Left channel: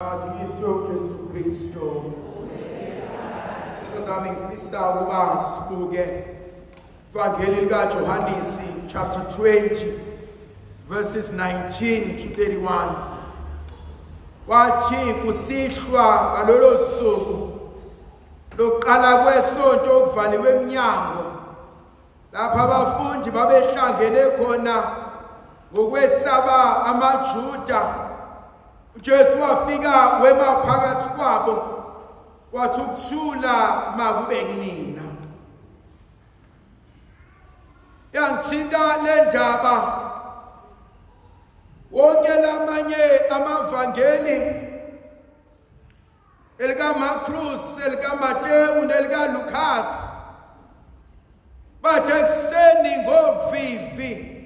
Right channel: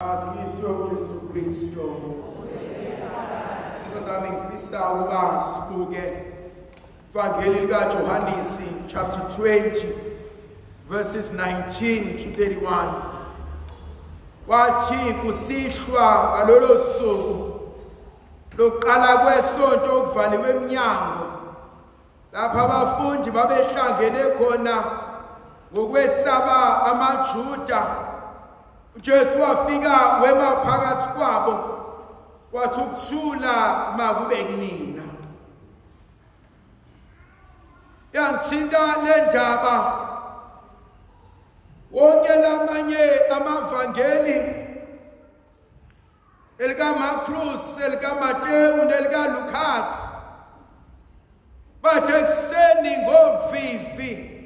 Jesu Kristo. Sami ngifisa ukuba sibuke Ivangeli lika Johannes chapter 20 verses 19 to 31. Wathi kusihlwa ngalolo suku lokuqala kwesonto okuvaliwe eminyango lapha abafundi babehlangene khona ngokwesaba amaJuda. Jesu wafika wema phakathi kwabo wathi ukuthula makube kunina. Yangithinta le ndaba wonke lamanye amavangeli elika Marcus, elika Mateyu nelika Lucas bathe ekuseni ngovivi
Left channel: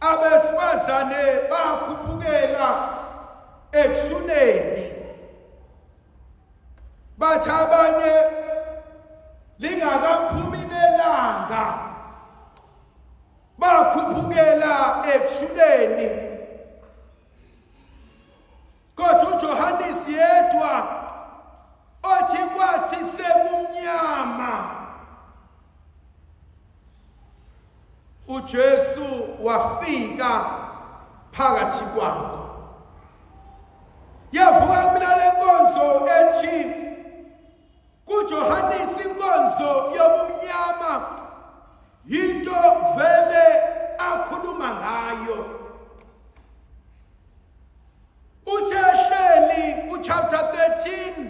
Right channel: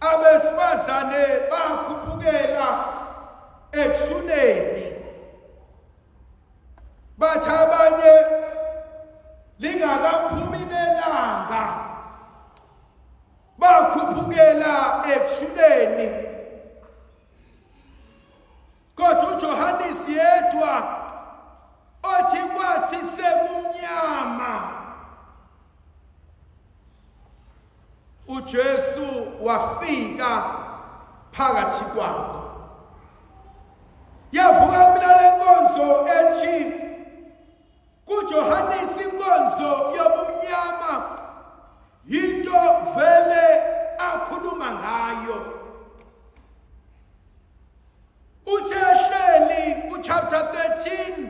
abesifazane bakhuphukela ekushuneni. Bathi abanye lingakaphumi nelanga bakhuphukela ekushuneni, kodwa uJohannes yedwa othi kwathi sekumnyama uJesu wafika phakathi kwabo. Yavuka kumina le nkonzo ethi kuJohannes inkonzo yobumnyama yinto vele akhuluma ngayo. Uthe ehleli kuchapter 13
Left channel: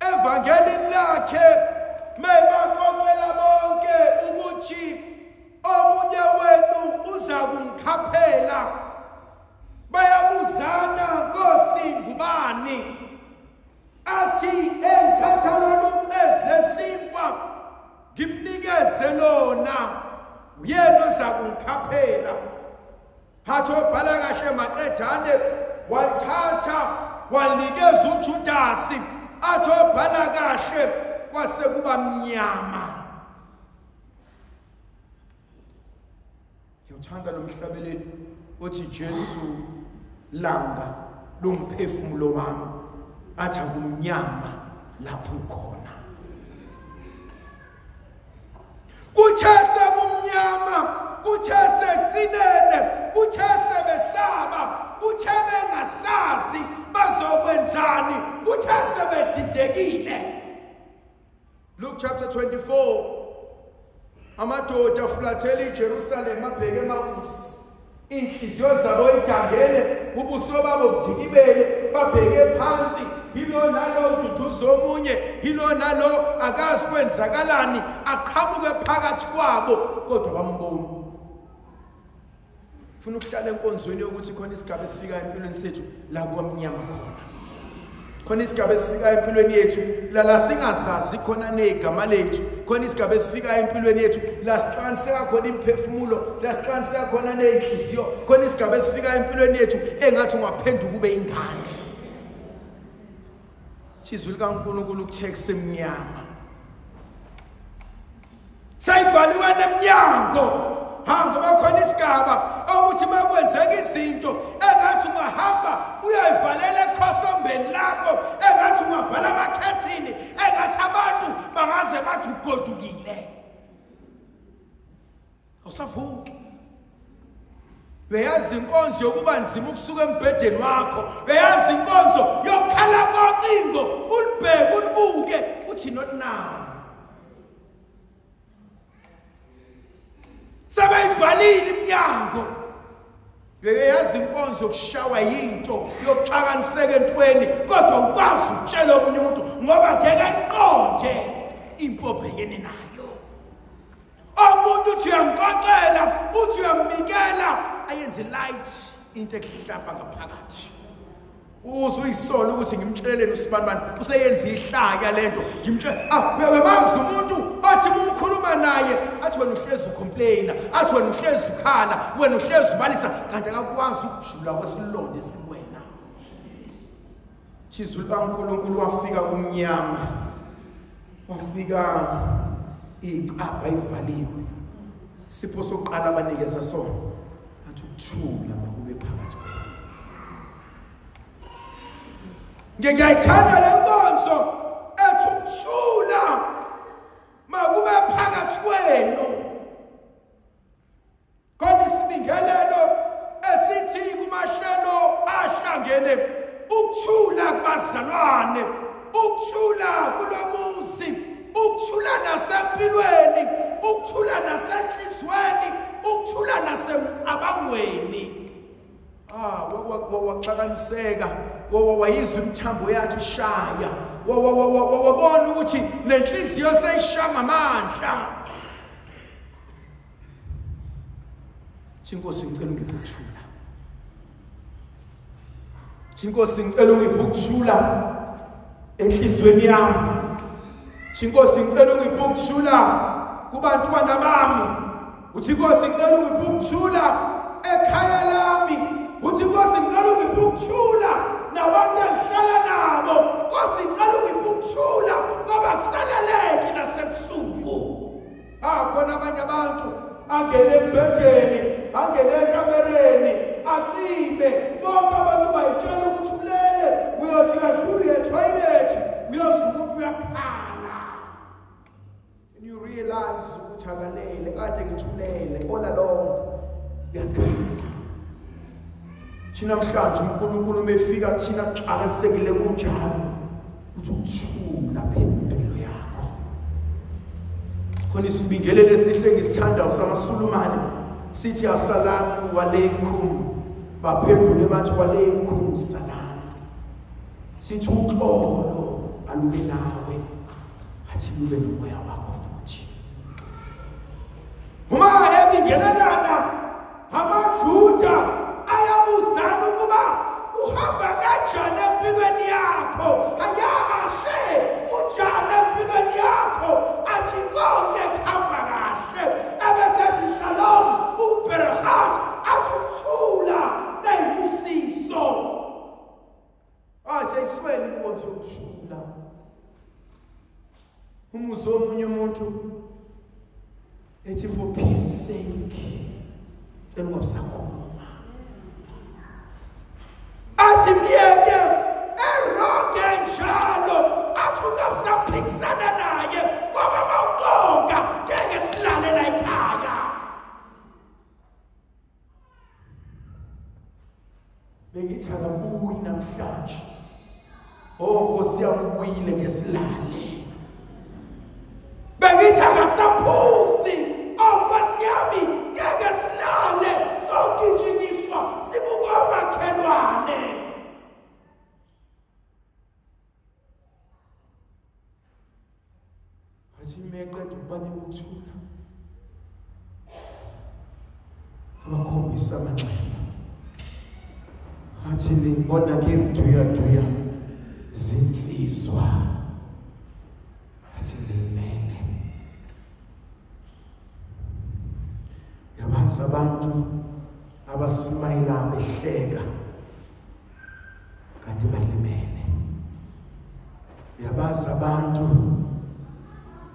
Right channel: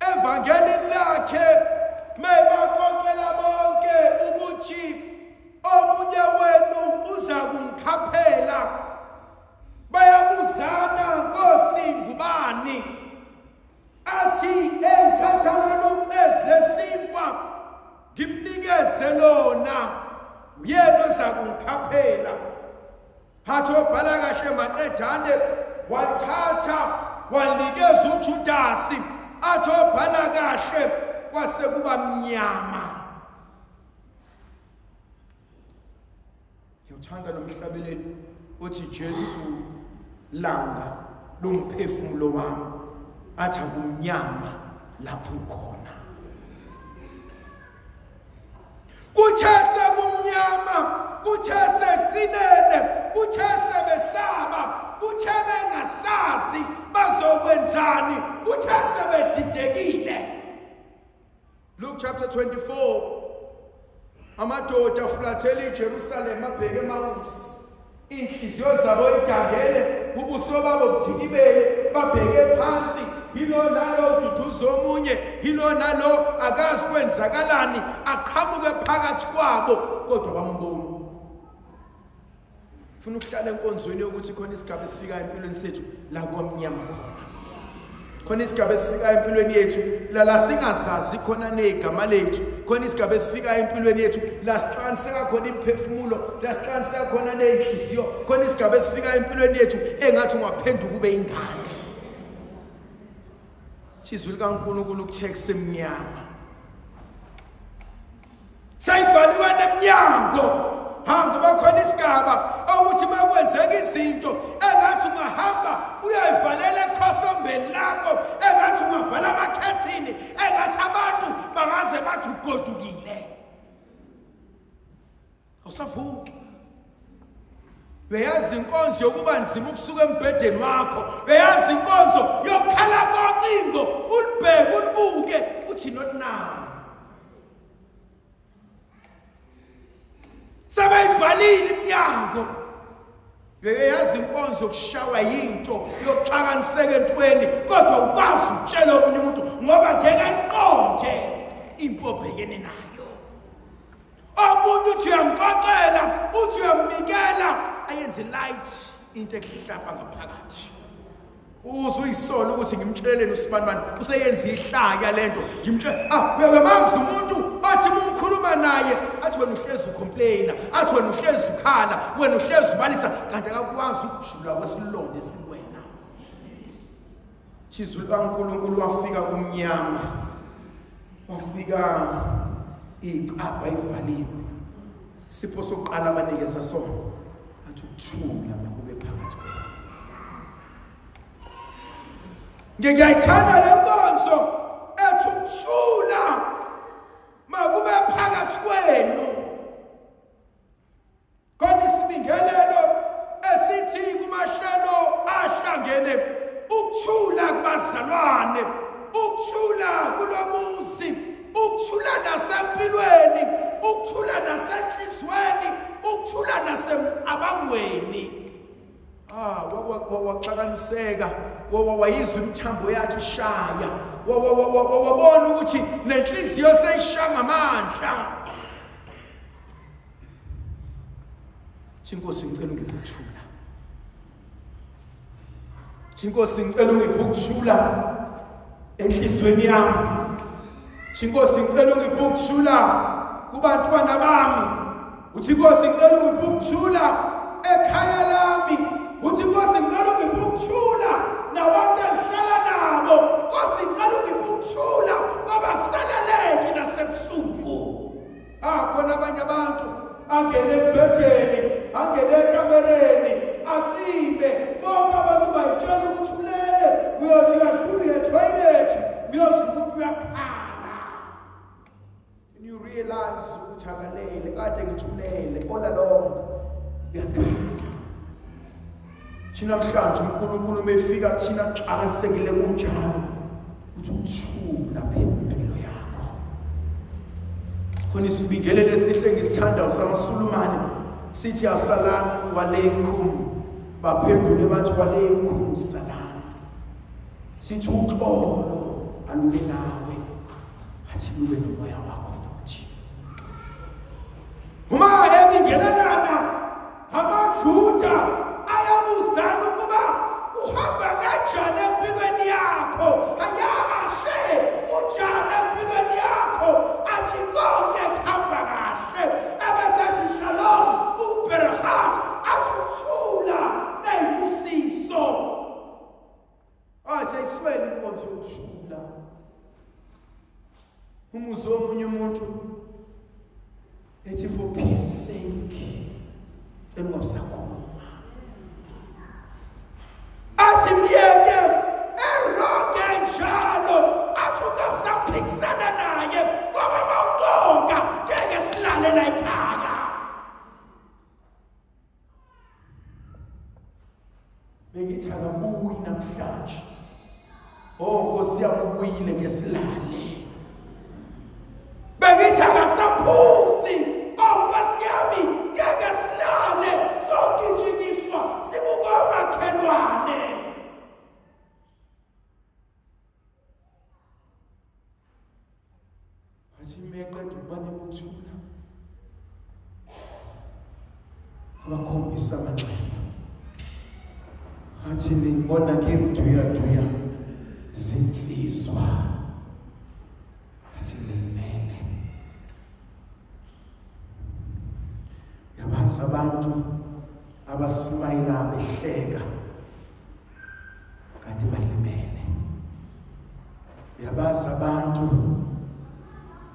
evangelini lakhe mebaqoqela bonke ukuthi omunye wenu uza kungikhaphela. Bayabuzana, Nkosi ngubani? Athi engithatha lolu qezi lesinkwa ngimnikeze lona, uyena oza kungikhaphela. Hathi obhala kahle maqedane wathatha wanikeza uJudasi. Athi obhala kahle kwase kuba mnyama. Ngiyuthanda lo mhlabeleli uthi Jesu langa lomphefumulo wami, athi akumnyama lapho ukhona. Kuthe sekumnyama, kuthe sekuqinene, kuthe sebesaba, kuthe bengasazi bazokwenzani, kuthe sebedidekile. Luke chapter 24. Amadoda afulathela iJerusalem abheke eMawusi. Inhliziyo zabo idangele, ubuso babo budikibele, babheke phansi. Yilo nalo ududuza omunye, yilo nalo akazi kwenzakalani, aqhamuke phakathi kwabo kodwa bambona. Ufuna ukuhlala enkonzweni yokuthi khona isigaba esifika empilweni sethu la kwamnyama khona. Khona isigaba esifika empilweni yethu la singazazi khona negama lethu. Khona isigaba esifika empilweni yethu la sihlaniseka khona imphefumulo, la sihlaniseka khona nenhliziyo. Khona isigaba esifika empilweni yethu engathi ungaphenduka ube ingane. Izwi likaNkulunkulu kuthe kusemnyama sayivaliwe nemnyango. Ngoba khona isigaba ukuthi makwenzeka izinto engathi ungahamba uyayivalela ekhosombeni lakho, engathi ungavala amakhethini, engathi abantu bangaze bathi ugodukile. Awusavuki. Beyazi inkonzo yokuba nzima ukusuka embhedeni wakho, beyazi inkonzo yokukhala kocingo, ulibheke ulibuke uthi not now. Sebeyivalile iminyango. Beyazi inkonzo yokushawa yinto yokuxakaniseka entweni, kodwa ukwazi ukutshela omunye umuntu ngoba ngeke ayiqonde impo obhekene nayo. Omunye uthi uyamxoxela, uthi uyambikela, ayenze light into ehlapha ngaphakathi. Uzuyisolo ukuthi ngimtsheleleni usibanibani useyenza ihlaya lento. Ngimtshela uyamazi umuntu othi umkhuluma naye athi wena uhlezi ucomplaina, athi wena uhlezi ukhala, wena uhlezi ubalisa, kanti akakwazi ukujula kwesilonde siwena. Izwi likaNkulunkulu wafika kumnyama, wafika icapha ivaliwe. Sipho sokuqala abanikeza sona athi ukuthula makube phakathi kwenu. Ngiyayithanda le nkonzo ethi ukuthula makube phakathi kwenu. Kodwa isibingelelo esithi kumahlelo ahlangene ukuthula kubazalwane, ukuthula kulomuzi, ukuthula nasempilweni, ukuthula nasenhlizweni, ukuthula nasemcabangweni. Waxakaniseka, wayizwa imithambo yakhe ishaya, wabona ukuthi nenhliziyo seyishaya ngamandla. Nkosi ngicela ungiphe ukuthula. Nkosi ngicela ungiphe ukuthula enhlizweni yami. Nkosi ngicela ungiphe ukuthula kubantwana bami. Uthi Nkosi ngicela ungiphe ukuthula ekhaya lami. Uthi Nkosi ngicela ungiphe ukuthula nabantu engihlala nabo. Nkosi ngicela ungiphe ukuthula ngoba kusaleleki nasebusuku. Khona abanye abantu angene embhedeni, angene ekamereni, acime. Bonke abantu bayitshela ukuthi ulele, uyothi uyadlula etoilet, uyozuma uyakhala. And you realize ukuthi akalele, kade ngithulele all along. Uyakhala. Thina mhlanje uNkulunkulu umefika kuthina kuxakisekile kunjalo ukuthi ukuthula phela impilo yakho. Khona isibingelele esihle ngisithandayo samaSulumane sithi assalamu alaykum, baphendule bathi walaykum salam. Sithi uxolo alube nawe, athi lube nomoya wakho futhi. Uma ebingelelana amaJuda ayabuzana ukuba uhamba kanjani empilweni yakho, ayashe unjani empilweni yakho, athi konke kuhamba kahle, ebesethi shalom uberahat, athi ukuthula neyibusiso. Siyayiswela inkonzo yokuthula. Umuzwa omunye umuntu ethi for peace sake cela ungabisakhuluma, athi myeke eronke njalo, athi ungabisaphikisana naye ngoba mawuqonga ngeke silale la ekhaya. Bengithi akabuyi namhlanje. Nkosi yami ubuyile ngesilale. Bengithi akasaphusi. Nkosi yami ngeke silale, sogijinyiswa sibuka omakhelwane. Athi meqeda ukuba ukuthula, abakhombisa amanxeba. Athi ngibona ngimduya zinsizwa. Athi ngimele. Yabazi abantu abasimayila behleka kanti balimele. Yabazi abantu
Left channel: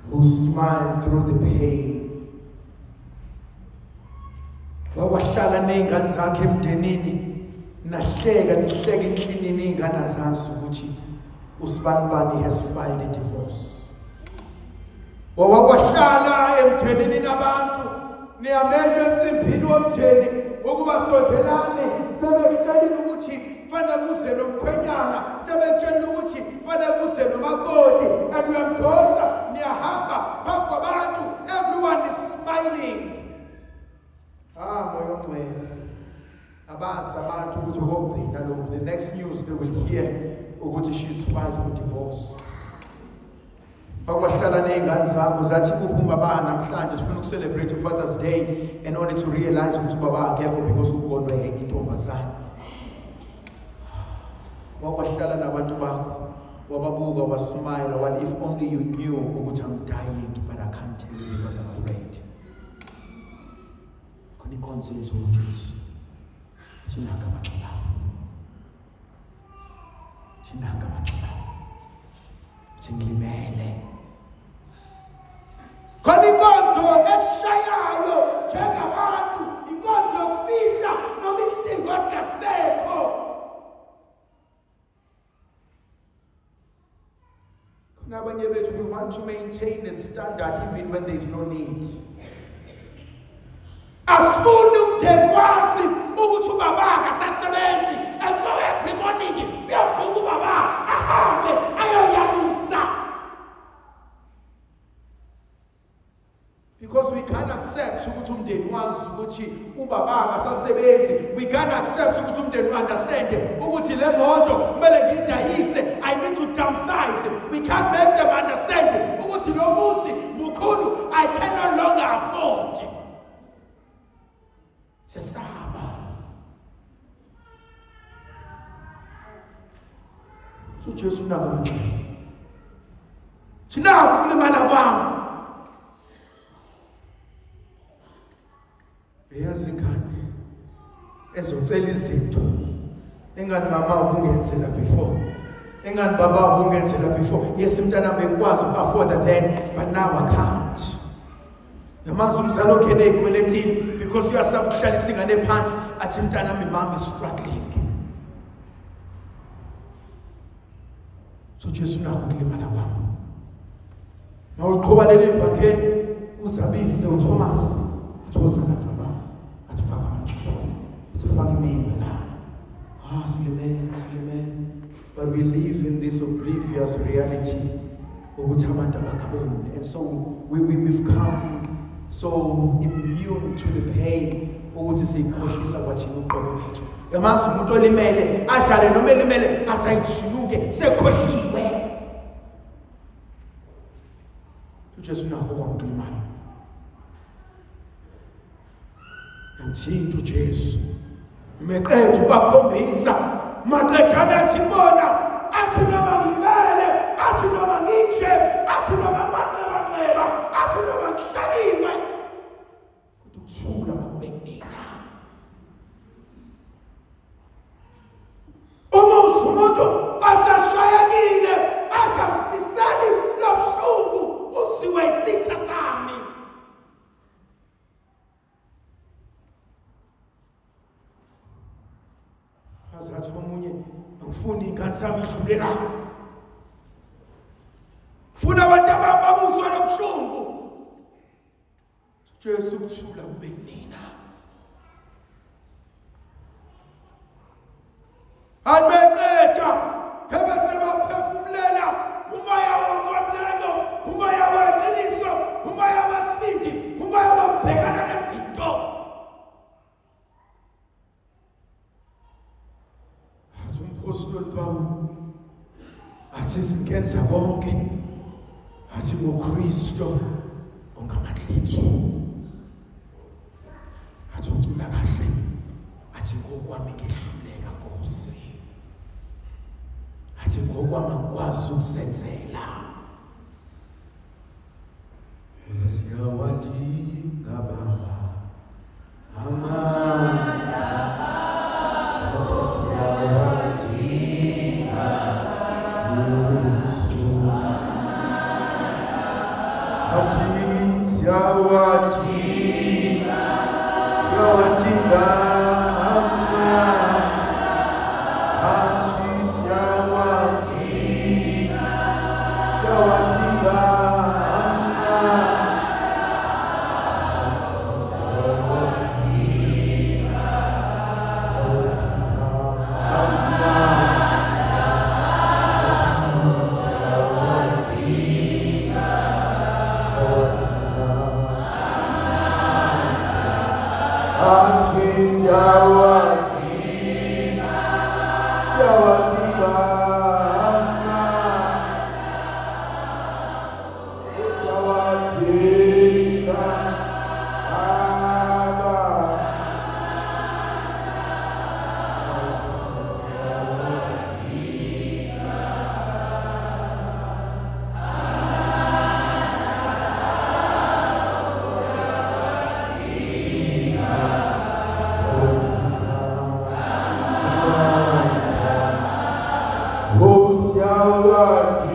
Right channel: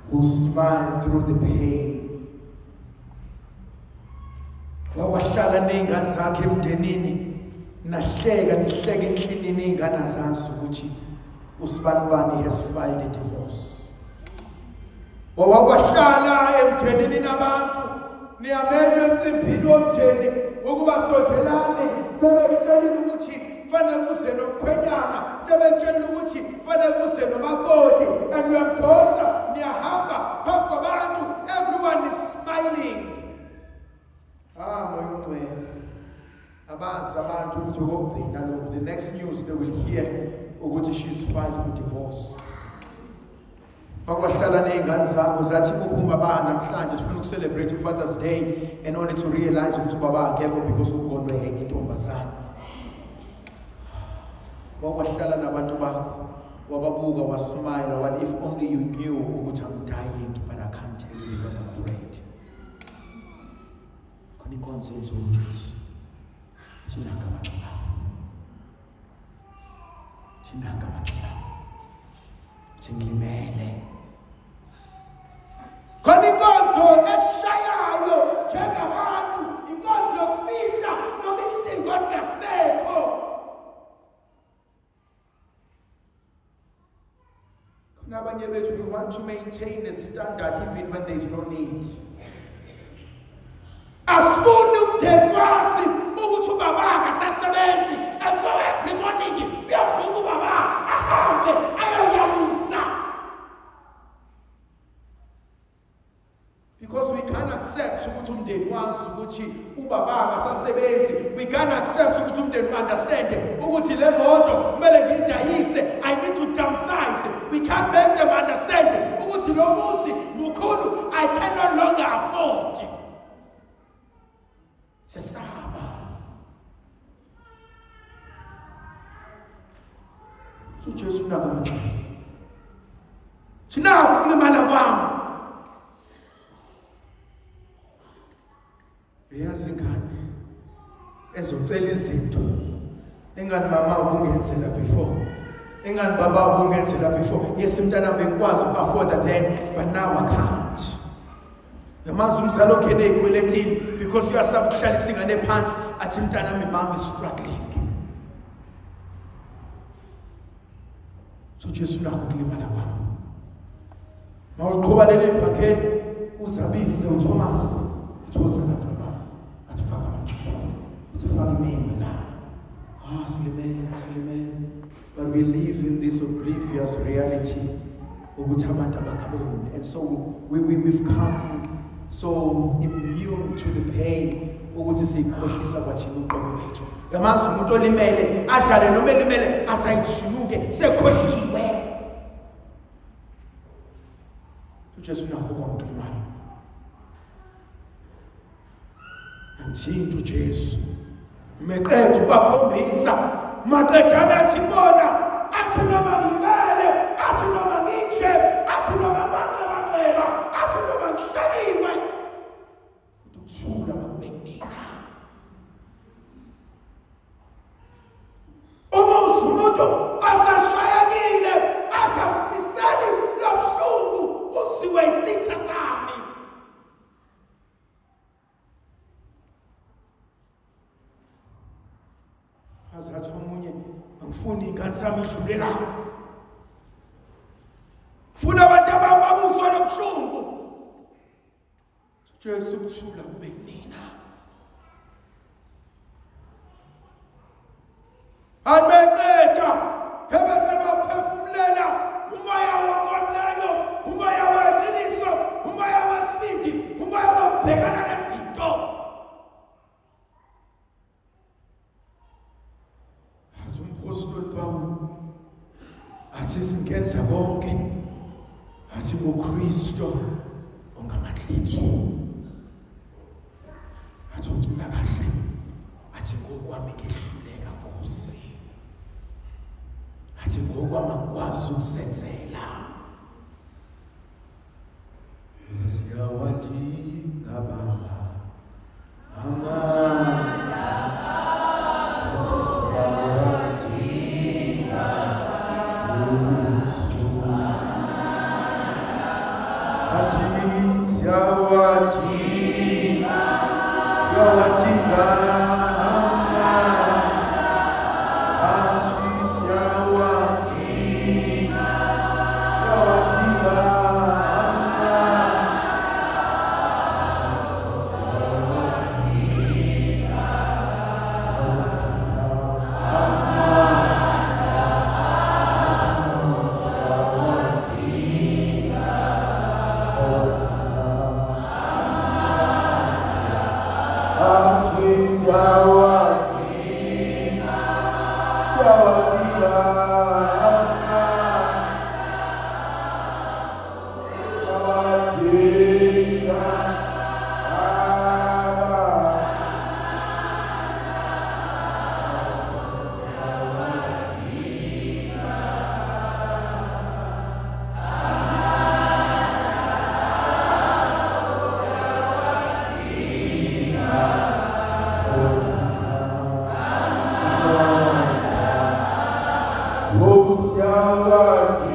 who smile through the pain. Wawahlala ney'ngane zakhe emndenini, nahleka nihleka endlinini iy'ngane azazi ukuthi usibanibani has filed a divorce. Wawahlala emndenini nabantu, niyamenywa emcimbini womndeni ukuba sondelani, sebekutshelile ukuthi kufanele kuze nomkhwenyana, sebekutshelile ukuthi kufanele kuze nomakoti, and uyamdonsa, niyahamba phambi kwabantu, everyone is smiling. Moya ongcwele. Abazi abantu ukuthi okokugcina lokhu, the next news they will hear ukuthi she's filed for divorce. Wakwahlala ney'ngane zakho zathi kuphuma baba namhlanje sifuna ukucelebrate uFather's Day, and only to realize ukuthi baba akekho because ugodwe yenye intombazane. Wakwahlala nabantu bakho, wababuka, wasmile, what if only you knew ukuthi I'm dying but I can't tell you because I'm afraid. Khona inkonzo uJesu. Chinaka manxeba. Chinaka manxeba. Singilimele. Khona inkonzo esishayayo njengabantu, inkonzo yokufihla noma isidingo sikasekho. We want to maintain a standard even when there is no need. Asifuni umndeni wazi ukuthi ubaba akasasebenzi, and so every morning uyavuka ubaba ahambe ayoyalusa. Because we can't accept ukuthi umndeni wazi ukuthi ubaba akasasebenzi. We can't accept ukuthi umndeni understand ukuthi le moto kumele ngiyidayise, I need to downsize. We can't make them understand ukuthi lo muzi mukhulu, I can no longer afford. Sesaba. So Jesu nakho. Sinako kulimala kwami. Eyazi ingane ezocela izinto engani mama ubungenzela before, engani baba ubungenzela before. Yes, mntana bengikwazi afford then, but now I can't. Yamazi umzali ongene ey'kweletini because uyasaba ukuhlalisa ingane phansi athi mntana mi mama is struggling. So Jesu nakho kulimala kwami. Mawuqhuba leli evangeli uzabize uThomas athoza lapha. But we live in this oblivious reality, and so we've come so immune to the pain. Yamanzi umuntu olimele adlale noma elimele asayijuluke sekhohliwe. uJesu nakho kwamkulimala. Antinto uJesu meqedwe ubakhombisa maqedana athibona athi noma ngibele athi noma ngishe athi noma maceba athi noma ngihlaliwe ukuthula makube kunika. Uma umuntu asashayekile athi amfisali lobuhlungu usiwe isitha sami. Azathi omunye angifuni ingane sami idlulela. Funa abantu ababuzwa lobuhlungu. Jesu ukuthula kube kunina. Anmeqeda ebese baphefumulela umoya wokwamlelo, umoya weqiniso, umoya wesibindi, umoya wokubhekana nezinto. Athi umpostoli Pawulo athi singenza konke, athi ngoKristu ongamatlethu. Athi ucula kahle, athi ngokwami ngehluleka Nkosi. Athi ngokwami ngikwazi ukusenzela. Siyawadinga Baba amandla, athi siyawadinga Jesu, athi siyawadinga amandla.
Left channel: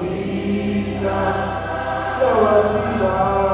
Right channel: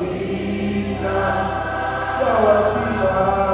Sawadina, Sawadina.